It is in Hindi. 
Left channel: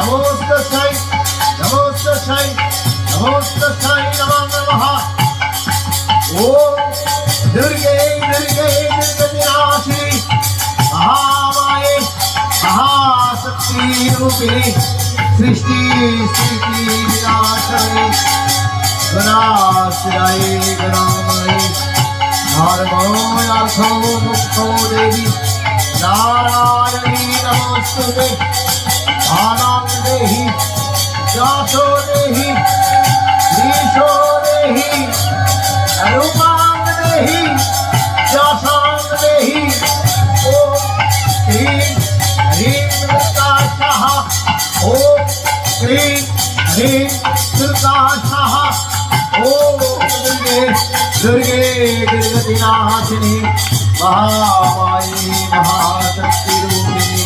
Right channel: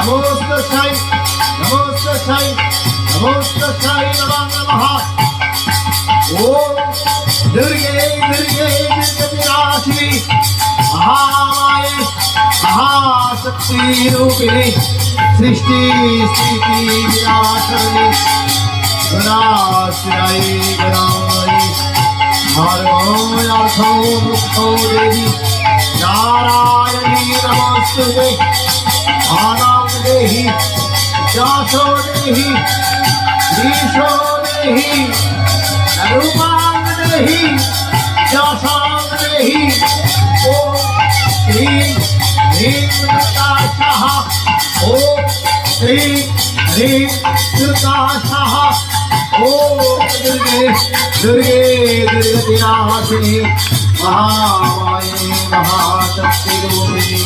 नमोस्तस्यै नमोस्तस्यै नमोस्तस्यै नमो नमः। ओम दुर्गे दुर्गे दुर्गतिनाशिनी महामाये महाशक्ति रूपिणी सृष्टि स्थिति विनाशिनी गणाश्रये गणामयी धर्मोऽर्थो मुक्तो देवी नारायणी नमोस्तुते। आनां देहि जासो देहि ईशो देहि रूपां देहि जासां देहि। ओम ह्रीं ह्रीं कृताशः ओम ह्रीं ह्रीं कृताशः ओम दुर्गे दुर्गे दुर्गतिनाशिनी महामाये महाशक्ति रूपिणी।